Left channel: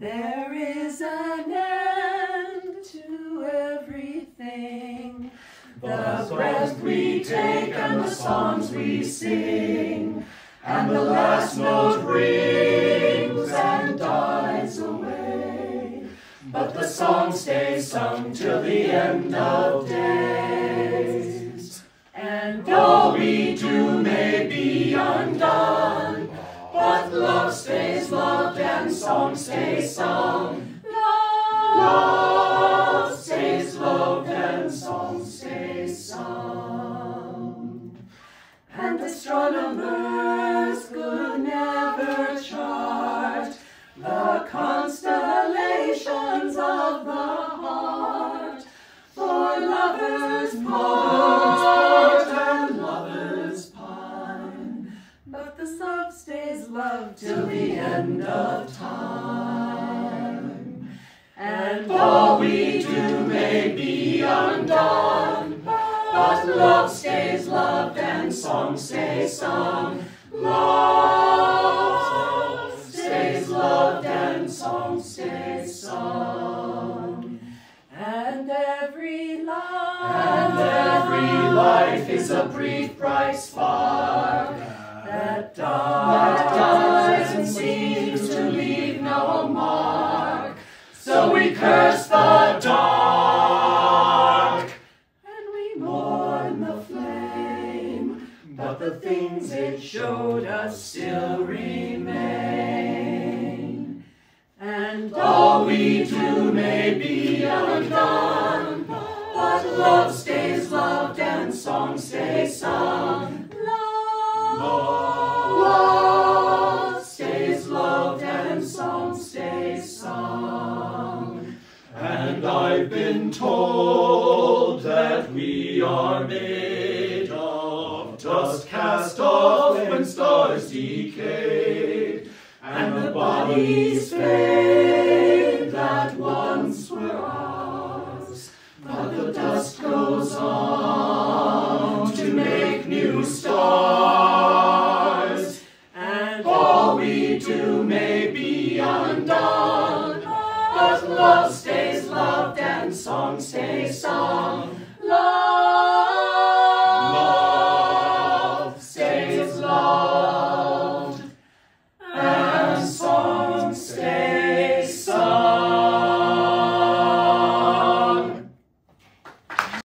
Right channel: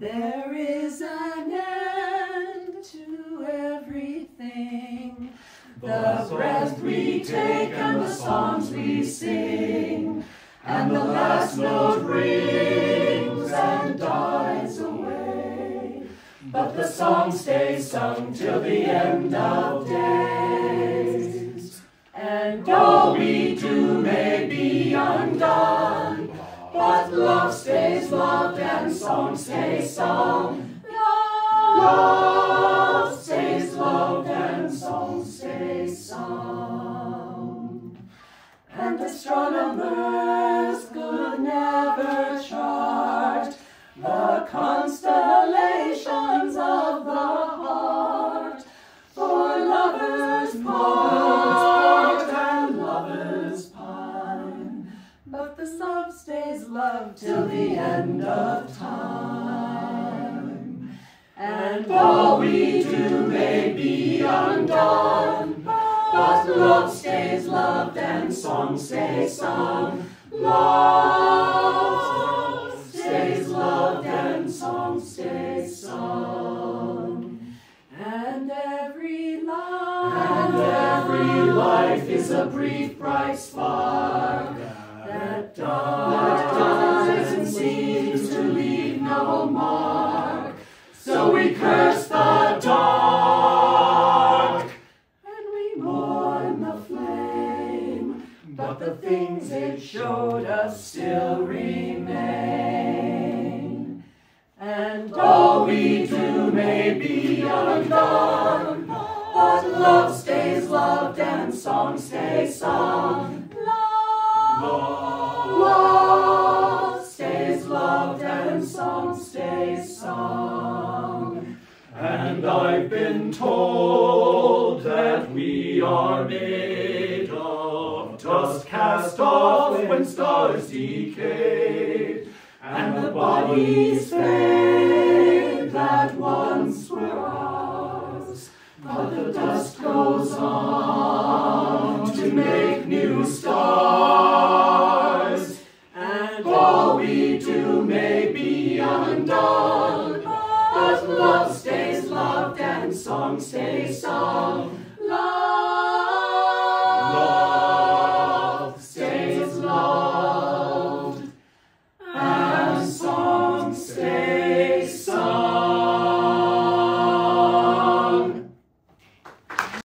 There is an end to everything, the breath we take and the songs we sing, and the last note rings and dies away, but the song stays sung till the end of days. And all we do may be undone, but love stays loved and song stays sung. Love stays loved and song stays sung. And astronomers could never chart the constellations of the heart, for lovers part and lovers pine, but the love stays loved till the end of time. And all we do may be undone, but love stays loved and song stays sung. Love stays loved and song stays sung. And every life is a brief bright spark that dies and seems to leave no mark. So we curse the dark and we mourn the flame, but the things it showed us still remain. And all we do may be undone, but love stays loved and song stays sung. Love stays loved and song stays sung. And I've been told that we are made of dust cast off when stars decay, and the bodies fade that once were ours, but the dust goes on to make new stars. And all we do may be undone, but love stays loved and song stays sung.